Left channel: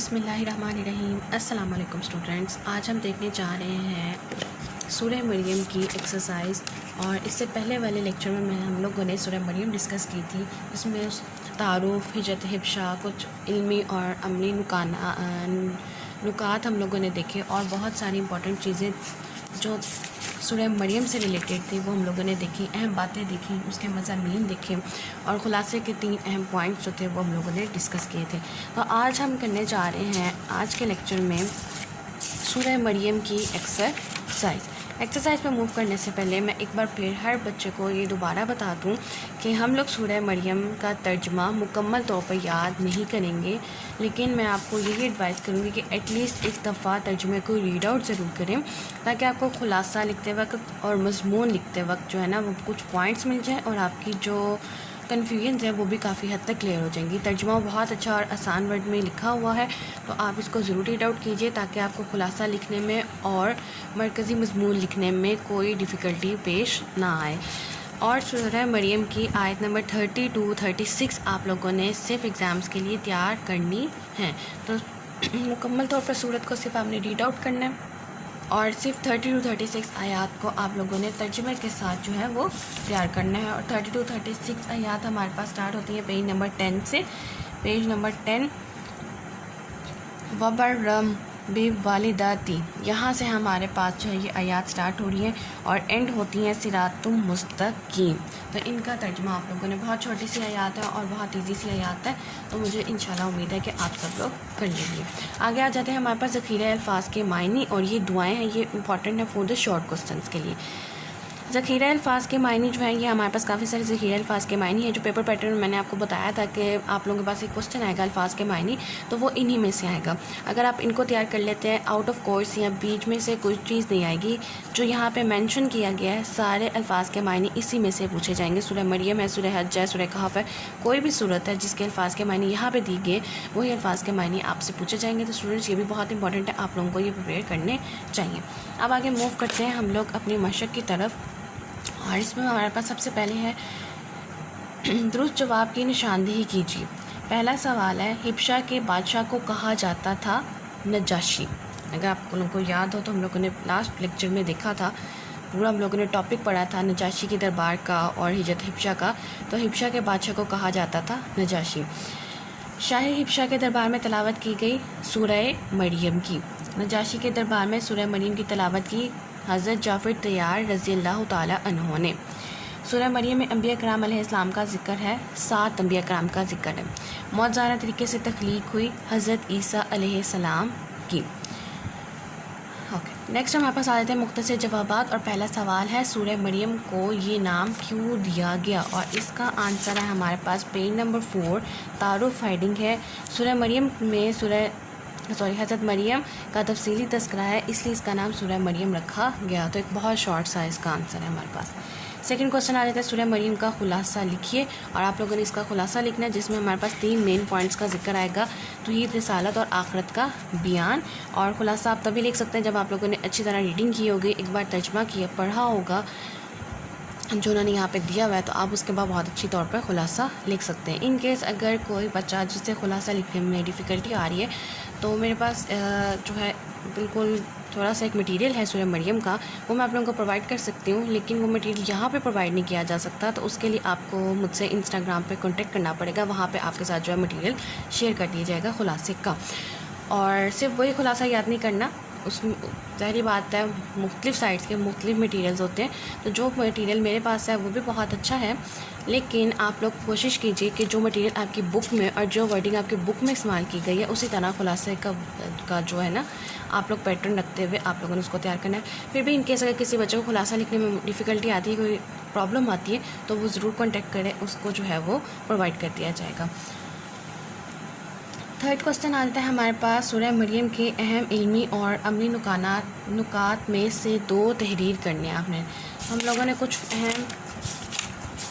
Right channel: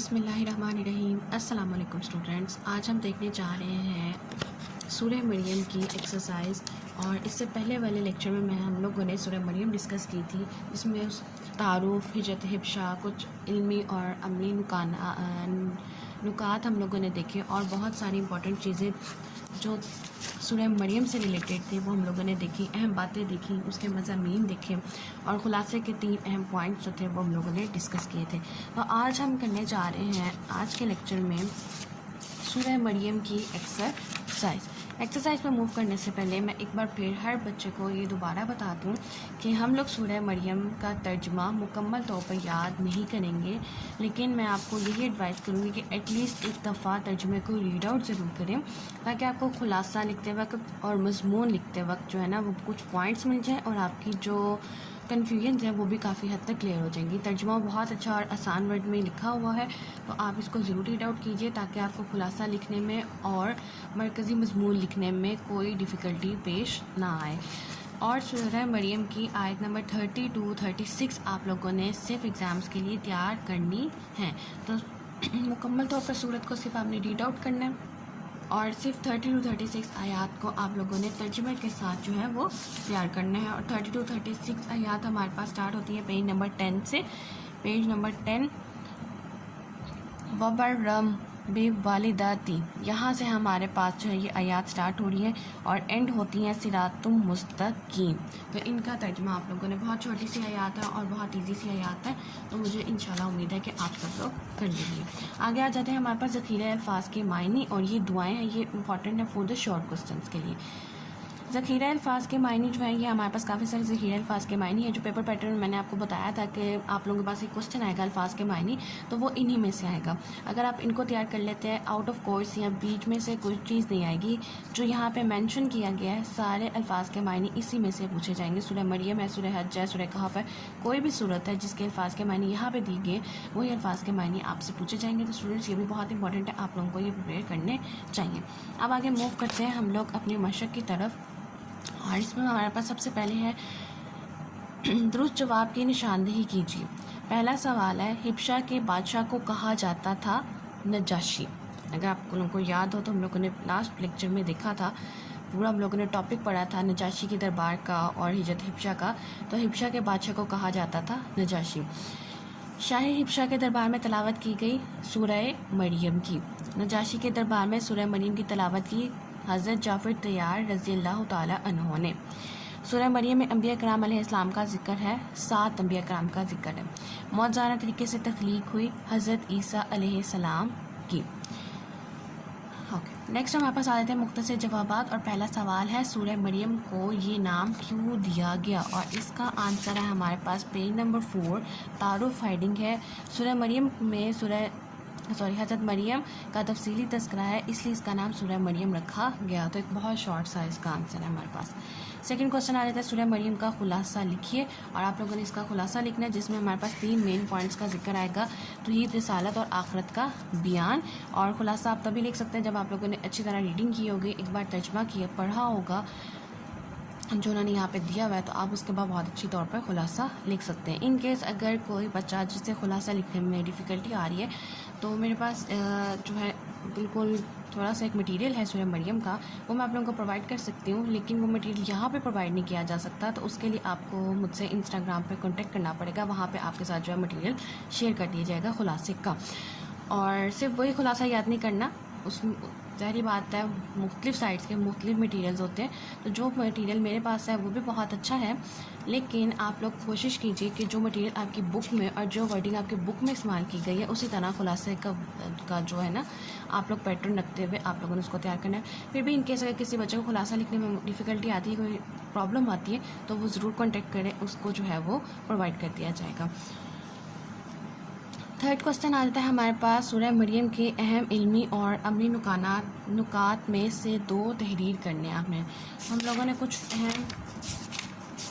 بسم اللہ الرحمن الرحیم۔ السلام علیکم اسٹوڈنٹس، آج ہم دیکھنے جا رہے ہیں سورہ مریم کی ایکسرسائز، اور اس سے پہلے والے لیکچر میں ہم لوگوں نے سورہ مریم ڈسکس کی تھی، جس میں تعارف، ہجرت حبشہ، کچھ علمی اور عملی نکات ہم لوگوں نے دیکھے، اور بہت ساری امپورٹنٹ چیزیں جو سورہ مریم سے ریلیٹڈ تھی وہ ہم لوگوں نے دیکھی، اہم باتیں دیکھی، اس کے مضامین دیکھے، اور خلاصے کے 3 اہم پوائنٹس جو تھے وہ ہم لوگوں نے ڈسکس کیے تھے۔ تو آج ہم کرنے جا رہے ہیں آج کے لیکچر میں سورہ مریم کی ایکسرسائز پہ موو کرنے سے پہلے میں ایک بار پھر ہر بچے کو یہ دوبارہ بتا دوں کہ ہم لوگ سورہ مریم کا ترجمہ مکمل طور پر یاد نہیں کریں گے، لیکن میں آپ کو یہی ایڈوائز کروں گی کہ ایٹ لیسٹ ایک دفعہ ترجمے کو ریڈ آؤٹ ضرور کریں، تاکہ آپ کو خلاصہ لکھتے وقت اور مضمون لکھتے وقت جو ہے نا وہ کچھ پوائنٹس مل جائیں، اور آپ کی جو کنفیوژنز ہیں وہ بھی کافی حد تک کلیئر ہو جائیں گی۔ ترجمہ بہت اچھا اور آسان ورڈ میں لکھا ہوا ہے، تو آپ اس کو ضرور ریڈ آؤٹ کیجئے تاکہ آپ کو خلاصہ لکھنے میں اور مرکزی مضمون لکھنے میں کوئی ڈیفیکلٹی پیش نہ آئے۔ اور سورہ مریم کی آیت نمبر 30 to 36 آپ لوگوں نے صرف ایگزامز کے لیے تیار کرنی ہیں، تو مکمل طور پر سورت کو صرف آپ نے ریڈ آؤٹ کرنا ہے، اور صرف 30 to 36 آیات کو آپ لوگوں نے ترجمے کے ساتھ جو ہے وہ تیار کرنا ہے۔ اور 30 to 36 آیات ہمارے پاس سٹارٹ ہوتی ہیں پیج نمبر 10 سے۔ پیج نمبر 10 وَبَرًّا بِوَالِدَتِهِ، یہاں سے ہمارے پاس جو ہے یہ آیات سٹارٹ ہو رہی ہیں اور اینڈ ہوتی ہیں صراط مستقیم۔ تو ان کا ترجمہ آپ لوگوں نے، بہت چھوٹی سی آیات ہے اور بہت ایزی سی آیات ہے، تو مجھے انشاءاللہ امید ہے کہ آپ سب لوگ کر لیں گے۔ آگے آ جاتے ہیں ہمارے پاس ذخیرہ الفاظ کے معنی، اور یہ دعائیں ہیں، یہ امپورٹنٹ ہے فور دا شارٹ کوسچنس کے لیے۔ ذخیرہ الفاظ کے معنی جو ہیں، یہ ہمارے پاس کافی سارے ذخیرہ الفاظ کے معنی ہیں، جو پیپر پیٹرن میں نے آپ کو بتایا تھا کہ آپ لوگوں کے پاس ایک کوسچن آئے گا الفاظ کے معنی، تو وہ انہی میں سے آئے گا۔ اگر آپ ان کو تیار کر لیتے ہیں آؤٹ آف کورس یا بیچ میں سے کوئی چیز نہیں آئے گی، جو یہاں پہ مینشن کیا گیا ہے سارے الفاظ کے معنی اسی میں سے پوچھے جائیں گے۔ سورہ مریم ہے، سورہ حج ہے، سورہ کہف ہے، کوئی بھی صورت ہے جس کے الفاظ کے معنی یہاں پہ دی گئے، وہی الفاظ کے معنی آپ سے پوچھے جائیں گے۔ تو اسٹوڈنٹس یہ بھی بہت امپورٹنٹ ہے، آپ لوگوں کو یہ پریپیئر کرنے چاہیے۔ اب آگے موو کرتے ہیں ہم لوگ اپنی مشق کی طرف، اور اس میں ہمارے پاس سب سے پہلے ہے درست جواب کی نشاندہی کیجیے۔ پہلا سوال ہے، حبشہ کے بادشاہ کو کہا جاتا تھا نجاشی۔ اگر آپ لوگوں کو یاد ہو تو ہم لوگوں نے لاسٹ لیکچر میں دیکھا تھا، پورا ہم لوگوں نے ٹاپک پڑھا تھا نجاشی کے دربار کا اور ہجرت حبشہ کا۔ تو حبشہ کے بادشاہ کو کہا جاتا تھا نجاشی۔ شاہ حبشہ کے دربار میں تلاوت کی گئی سورہ مریم کی۔ نجاشی کے دربار میں سورہ مریم کی تلاوت کی حضرت جعفر طیار رضی اللہ تعالی عنہ نے۔ سورہ مریم میں انبیاء کرام علیہ السلام کا ذکر ہے، 7 انبیاء کرام کا ذکر ہے۔ معجزانہ طریقے سے تخلیق ہوئی حضرت عیسیٰ علیہ السلام کی۔ نیکسٹ ہمارے پاس آ جاتے ہیں مختصر جوابات، اور پہلا سوال ہے، سورہ مریم کو یہ نام کیوں دیا گیا؟ اور اس کا آنسر ہے ہمارے پاس پیج نمبر 4، تعارف ہیڈنگ ہے۔ سورہ مریم میں حضرت مریم کا تفصیلی تذکرہ ہے، اس لیے اس کا نام سورہ مریم رکھا گیا۔ تو ایک بہت شارٹ سا اس کا آنسر ہے ہمارے پاس۔ سیکنڈ کوسچن آ جاتا ہے، سورہ مریم کا خلاصہ لکھیے، اور آپ لوگوں نے اس کا خلاصہ لکھنا ہے، جس میں ہمارے پاس 3 مین پوائنٹس کا ذکر آئے گا، توحید، رسالت اور آخرت کا بیان۔ اور خلاصہ آپ تبھی لکھ سکتے ہیں جب آپ لوگوں نے اچھی طرح ریڈنگ کی ہوگی، ایک بار ترجمہ کیا پڑھا ہوگا جو انہوں نے یہاں پہ دیا ہوا ہے، تو آپ اس کے بعد بہت اچھی طور پر خلاصہ لکھ سکتے ہیں۔ ان کیس اگر کوئی بچہ جسے خلاصہ لکھنے میں ڈیفیکلٹی آ رہی ہے، تو میرے پاس جو ہے بالکل تھوڑا سا ایک مٹیریل ہے سورہ مریم کا، وہ میں آپ لوگوں کو پرووائڈ کر سکتی ہوں، لیکن وہ مٹیریل یہاں پہ پرووائڈ نہیں کیا جا سکتا، تو اس کے لیے آپ کو مجھ سے انسٹاگرام پہ کانٹیکٹ کرنا پڑے گا، وہاں پہ آپ کے ساتھ جو ہے مٹیریل شیئر کر دیا جائے گا خلاصے کا۔ اور صرف وہی خلاصہ یاد نہیں کرنا، اس میں ظاہری بات ہے مختلف سائٹس کے مختلف مٹیریلز ہوتے ہیں، تو جو مٹیریل میرے پاس ہے وہ بھی بہت اچھا ہے، لیکن آپ لوگ کوشش کیجئے کہ جو مٹیریل آپ کی بک میں اور جو ورڈنگ آپ کی بک میں استعمال کی گئی ہے اسی طرح خلاصے کا جو ہے نا آپ لوگ پیٹرن رکھتے ہوئے آپ لوگوں نے اس کو تیار کرنا ہے۔ پھر بھی ان کیس اگر کسی بچے کو خلاصہ لکھنے میں ڈیفیکلٹی آتی ہے، کوئی پرابلم آتی ہے، تو وہ ضرور کانٹیکٹ کرے، اس کو جو ہے وہ پرووائڈ کر دیا جائے گا۔ تھرڈ کوسچن آتا ہے ہمارے پاس، سورہ مریم کے اہم علمی اور عملی نکات میں سے 2 تحریر کرنے ہیں آپ نے۔ ہم لوگوں نے کچھ اہم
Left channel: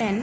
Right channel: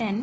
10।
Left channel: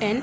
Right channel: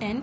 10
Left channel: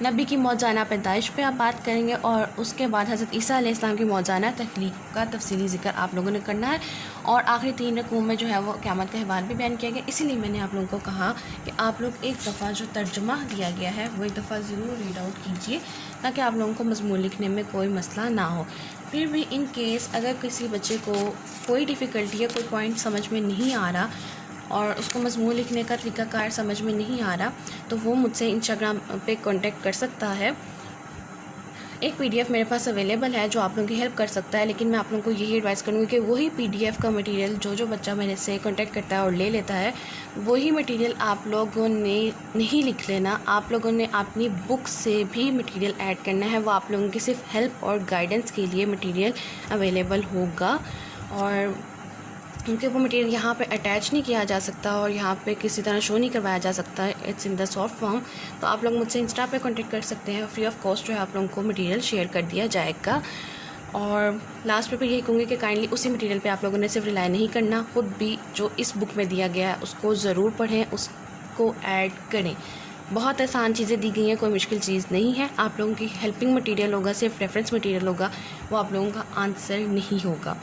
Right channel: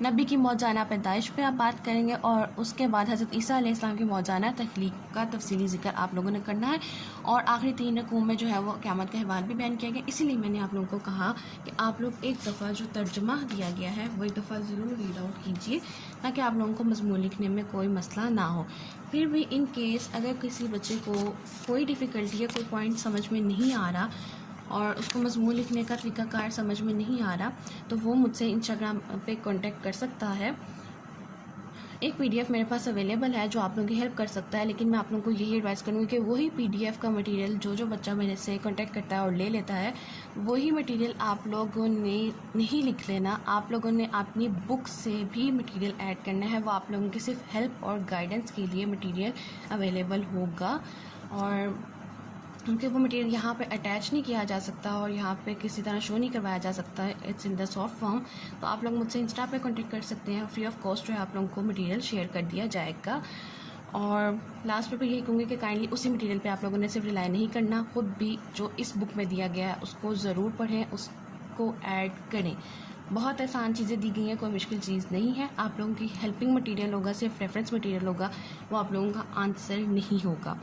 نبی کی موضوعانہ پیدائش پہ آپ بات کریں گے، اور اس کے بعد حضرت عیسیٰ علیہ السلام کی موضوعانہ تخلیق کا تفصیلی ذکر آپ لوگوں نے کرنا ہے، اور آخری 3 رکوع میں جو ہے وہ قیامت کا احوال بھی بیان کیا گیا۔ اسی لیے میں نے آپ لوگوں کو کہا کہ آپ لوگ ایک دفعہ جو ترجمہ دیا گیا ہے وہ ایک دفعہ ضرور ریڈ آؤٹ کیجیے، تاکہ آپ لوگوں کو مضمون لکھنے میں کوئی مسئلہ نہ ہو۔ پھر بھی ان کیس اگر کسی بچے کو کوئی ڈیفیکلٹی ہے، کوئی پوائنٹ سمجھ میں نہیں آ رہا اور اس کو مضمون لکھنے کا طریقہ کار سمجھ میں نہیں آ رہا، تو وہ مجھ سے انسٹاگرام پہ کانٹیکٹ کر سکتا ہے۔ ایک پی ڈی ایف میرے پاس اویلیبل ہے جو آپ لوگوں کی ہیلپ کر سکتا ہے، لیکن میں آپ لوگوں کو یہی ایڈوائز کروں گی کہ وہی پی ڈی ایف کا مٹیریل جو بچہ میرے سے کانٹیکٹ کرتا ہے اور لے لیتا ہے، وہی مٹیریل آپ لوگوں نے نہیں لکھ لینا، آپ لوگوں نے اپنی بک سے بھی مٹیریل ایڈ کرنا ہے۔ وہ آپ لوگوں کی صرف ہیلپ اور گائیڈنس کے لیے مٹیریل اویلیبل ہوگا، اور کیونکہ وہ مٹیریل یہاں پہ اٹیچ نہیں کیا جا سکتا اور یہاں پہ کسی طرح شو نہیں کروایا جا سکتا، it's in the soft form. تو آپ لوگ مجھ سے انسٹا پہ کانٹیکٹ کر سکتے ہیں، فری آف کاسٹ جو ہے آپ لوگوں کو مٹیریل شیئر کر دیا جائے گا۔ اور لاسٹ پہ یہی کہوں گی کہ کائنڈلی اسی مٹیریل پہ آپ لوگوں نے صرف ریلائی نہیں کرنا، خود بھی جو اس بک میں دیا گیا ہے اس کو ضرور پڑھیں، اس کو ایڈ کریں۔ بہت آسان چیزیں دی گئی ہیں، کوئی مشکل چیز نہیں ہے۔ آپ لوگوں کی ہیلپنگ مٹیریل ہوگا، صرف ریفرنس مٹیریل ہوگا، وہ آپ لوگوں کا آنسر نہیں ہوگا۔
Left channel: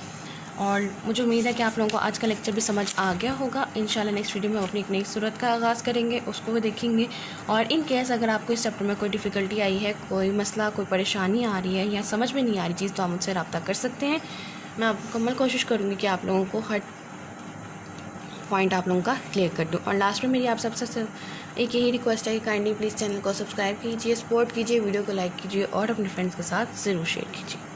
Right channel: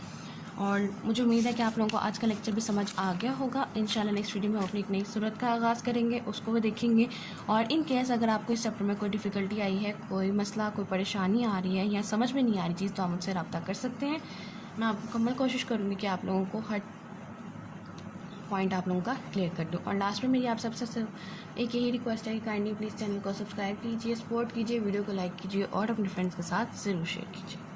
اور مجھے امید ہے کہ آپ لوگوں کو آج کا لیکچر بھی سمجھ آ گیا ہوگا۔ انشاءاللہ نیکسٹ ویڈیو میں ہم اپنی ایک نئی صورت کا آغاز کریں گے، اس کو بھی دیکھیں گے۔ اور ان کیس اگر آپ کو اس چیپٹر میں کوئی ڈیفیکلٹی آئی ہے، کوئی مسئلہ، کوئی پریشانی آ رہی ہے یا سمجھ میں نہیں آ رہی چیز، تو آپ مجھ سے رابطہ کر سکتے ہیں۔ میں مکمل کوشش کروں گی کہ آپ لوگوں کو ہر پوائنٹ آپ لوگوں کا کلیئر کر دوں۔ اور لاسٹ میں میری آپ سب سے ایک یہی ریکویسٹ ہے کہ کائنڈلی پلیز چینل کو سبسکرائب کیجیے، سپورٹ کیجیے، ویڈیو کو لائک کیجیے اور اپنے فرینڈس کے ساتھ ضرور شیئر کیجیے۔